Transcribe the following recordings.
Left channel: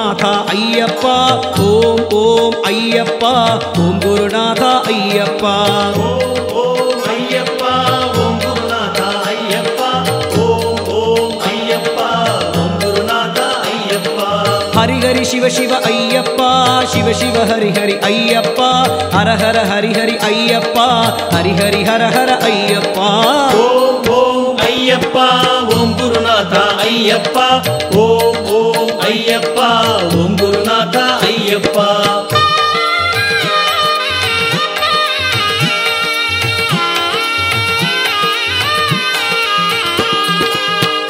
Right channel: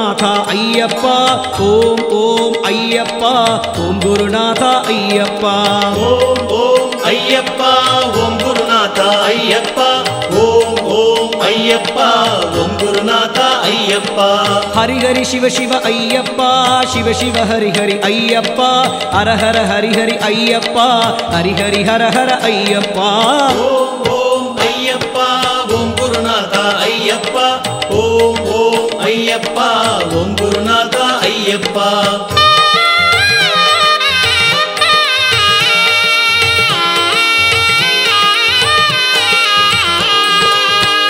ಗುರುನಾಥ ಅಯ್ಯಪ್ಪ ಓಂ ಓಂ ಅಯ್ಯಪ್ಪ ಓಂ ಗುರುನಾಥ ಅಯ್ಯಪ್ಪ ಓಂ ಓಂ ಅಯ್ಯಪ್ಪ ಓಂ ಗುರುನಾಥ ಅಯ್ಯಪ್ಪ ಓಂ ಓಂ ಅಯ್ಯಪ್ಪ ಓಂ ಗುರುನಾಥ ಅಯ್ಯಪ್ಪ ಹರಿ ಹರಿ ಶಿವ ಶಿವ ಅಯ್ಯಪ್ಪ ಶಿವ ಶಿವ ಹರಿ ಹರಿ ಅಯ್ಯಪ್ಪ ಹರ ಹರ ಹರಿ ಹರಿ ಅಯ್ಯಪ್ಪ ಹರಿ ಹರಿ ಹರ ಹರ ಅಯ್ಯಪ್ಪ ಓಂ ಓಂ ಅಯ್ಯಪ್ಪ ಓಂ ಗುರುನಾಥ ಅಯ್ಯಪ್ಪ ಓಂ ಓಂ ಅಯ್ಯಪ್ಪ ಓಂ ಗುರುನಾಥ ಅಯ್ಯಪ್ಪ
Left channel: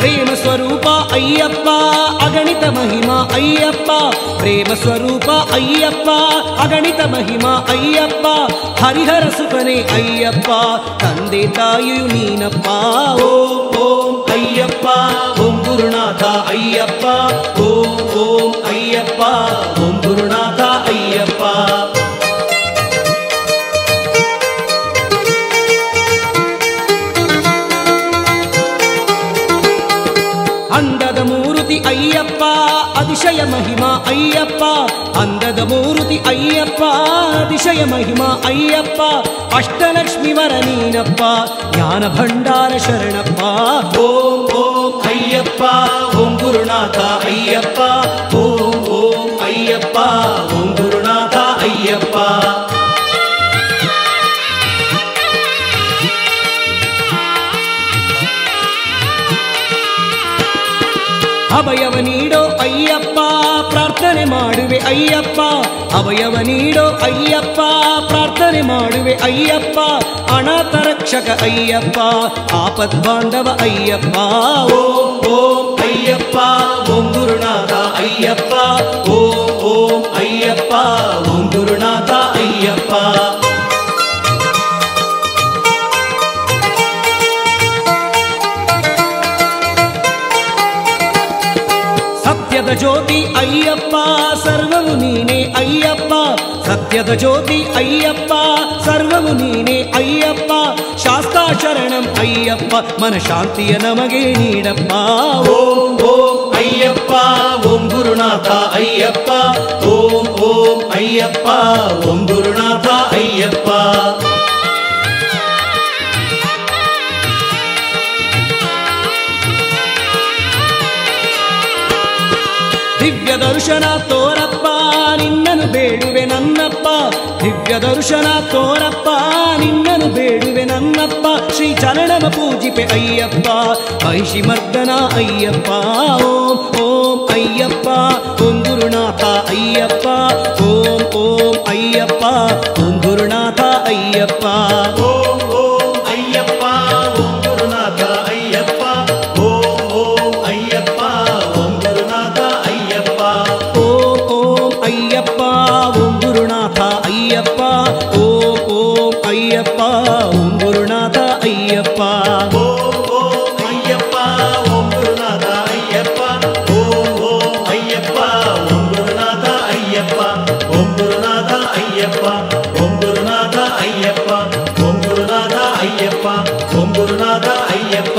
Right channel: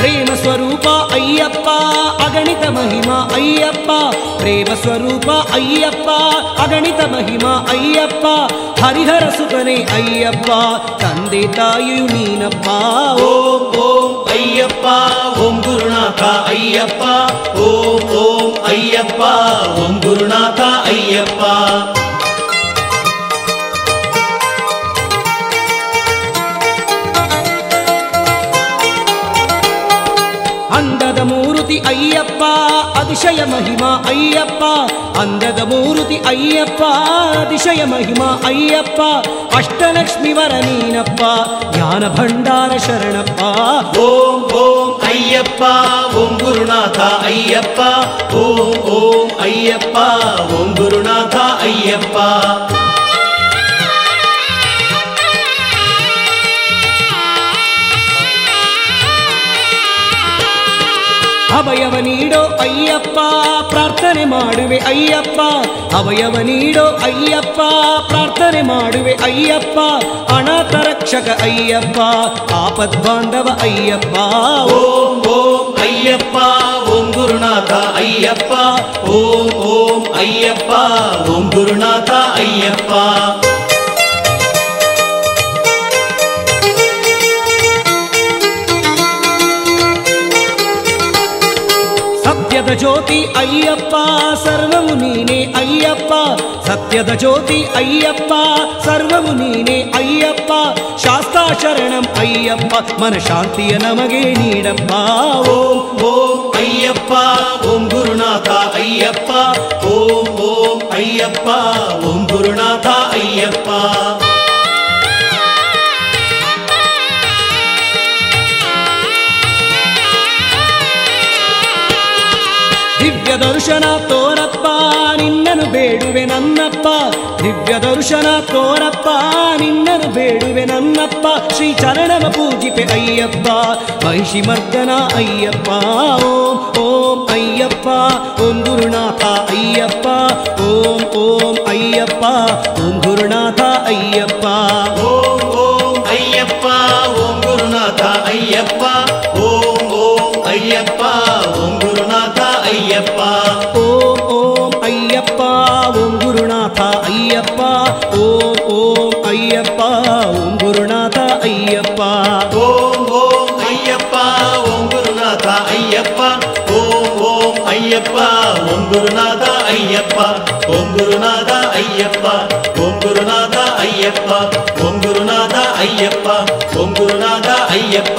ಪ್ರೇಮ ಸ್ವರೂಪ ಅಯ್ಯಪ್ಪ ಅಗಣಿತ ಮಹಿಮಾ ಅಯ್ಯಪ್ಪ ಪ್ರೇಮ ಸ್ವರೂಪ ಅಯ್ಯಪ್ಪ ಅಗಣಿತ ಮಹಿಮಾ ಅಯ್ಯಪ್ಪ ಹರಿಹರ ಸುತನೇ ಅಯ್ಯಪ್ಪ ತಂದೆ ತಾಯಿಯು ನೀನಪ್ಪ ಓಂ ಓಂ ಅಯ್ಯಪ್ಪ ಓಂ ಗುರುನಾಥ ಅಯ್ಯಪ್ಪ ಓಂ ಓಂ ಅಯ್ಯಪ್ಪ ಓಂ ಗುರುನಾಥ ಅಯ್ಯಪ್ಪ ಅಂದದ ಮೂರುತಿ ಅಯ್ಯಪ್ಪ ಅತಿಶಯ ಮಹಿಮಾ ಅಯ್ಯಪ್ಪ ಅಂದದ ಮೂರುತಿ ಅಯ್ಯಪ್ಪ ಅತಿಶಯ ಮಹಿಮಾ ಅಯ್ಯಪ್ಪ ಅಷ್ಟಲಕ್ಷ್ಮಿ ವರ ನೀನಪ್ಪ ಜ್ಞಾನ ಭಂಡಾರ ಶರಣಪ್ಪ ಓಂ ಓಂ ಅಯ್ಯಪ್ಪ ಓಂ ಗುರುನಾಥ ಅಯ್ಯಪ್ಪ ಓಂ ಓಂ ಅಯ್ಯಪ್ಪ ಓಂ ಗುರುನಾಥ ಅಯ್ಯಪ್ಪ ಅಭಯವ ನೀಡೋ ಅಯ್ಯಪ್ಪ ಪ್ರಾರ್ಥನೆ ಮಾಡುವೆ ಅಯ್ಯಪ್ಪ ಅಭಯವ ನೀಡೋ ಅಯ್ಯಪ್ಪ ಪ್ರಾರ್ಥನೆ ಮಾಡುವೆ ಅಯ್ಯಪ್ಪ ಅನಾಥ ರಕ್ಷಕ ಅಯ್ಯಪ್ಪ ಆಪದ್ ಬಾಂಧವ ಅಯ್ಯಪ್ಪ ಓಂ ಓಂ ಅಯ್ಯಪ್ಪ ಓಂ ಗುರುನಾಥ ಅಯ್ಯಪ್ಪ ಓಂ ಓಂ ಅಯ್ಯಪ್ಪ ಓಂ ಗುರುನಾಥ ಅಯ್ಯಪ್ಪ ಸತ್ಯದ ಜ್ಯೋತಿ ಅಯ್ಯಪ್ಪ ಸರ್ವವು ನೀನೇ ಅಯ್ಯಪ್ಪ ಸತ್ಯದ ಜ್ಯೋತಿ ಅಯ್ಯಪ್ಪ ಸರ್ವವು ನೀನೇ ಅಯ್ಯಪ್ಪ ಶಾಸ್ತಾ ಶರಣಂ ಅಯ್ಯಪ್ಪ ಮನಶಾಂತಿಯ ನಮಗೆ ನೀಡಪ್ಪ ಓಂ ಓಂ ಅಯ್ಯಪ್ಪ ಓಂ ಗುರುನಾಥ ಅಯ್ಯಪ್ಪ ಓಂ ಓಂ ಅಯ್ಯಪ್ಪ ಓಂ ಗುರುನಾಥ ಅಯ್ಯಪ್ಪ ದಿವ್ಯ ದರ್ಶನ ತೋರಪ್ಪ ನಿನ್ನನು ಬೇಡುವೆ ನನ್ನಪ್ಪ ದಿವ್ಯ ದರ್ಶನ ತೋರಪ್ಪ ನಿನ್ನನು ಬೇಡುವೆ ನನ್ನಪ್ಪ ಶ್ರೀ ಚರಣವ ಪೂಜಿಪೆ ಅಯ್ಯಪ್ಪ ಮಹಿಷಿ ಮರ್ದನ ಅಯ್ಯಪ್ಪ ಓಂ ಓಂ ಅಯ್ಯಪ್ಪ ಓಂ ಗುರುನಾಥ ಅಯ್ಯಪ್ಪ ಓಂ ಓಂ ಅಯ್ಯಪ್ಪ ಓಂ ಗುರುನಾಥ ಅಯ್ಯಪ್ಪ ಓಂ ಓಂ ಅಯ್ಯಪ್ಪ ಓಂ ಗುರುನಾಥ ಅಯ್ಯಪ್ಪ ಓಂ ಓಂ ಅಯ್ಯಪ್ಪ ಓಂ ಗುರುನಾಥ ಅಯ್ಯಪ್ಪ ಓಂ ಓಂ ಅಯ್ಯಪ್ಪ ಓಂ ಗುರುನಾಥ ಅಯ್ಯಪ್ಪ ಓಂ ಓಂ ಅಯ್ಯಪ್ಪ ಓಂ ಗುರುನಾಥ ಅಯ್ಯಪ್ಪ ಓಂ ಓಂ ಅಯ್ಯಪ್ಪ ಓಂ ಗುರುನಾಥ ಅಯ್ಯಪ್ಪ ಓಂ ಓಂ ಅಯ್ಯಪ್ಪ ಓಂ ಗುರುನಾಥ ಅಯ್ಯಪ್ಪ ಓಂ ಗುರುನಾಥ ಅಯ್ಯಪ್ಪ ಓಂ ಗುರುನಾಥ ಅಯ್ಯಪ್ಪ ಓಂ ಗುರುನಾಥ ಅಯ್ಯಪ್ಪ ಓಂ ಗುರುನಾಥ ಅಯ್ಯಪ್ಪ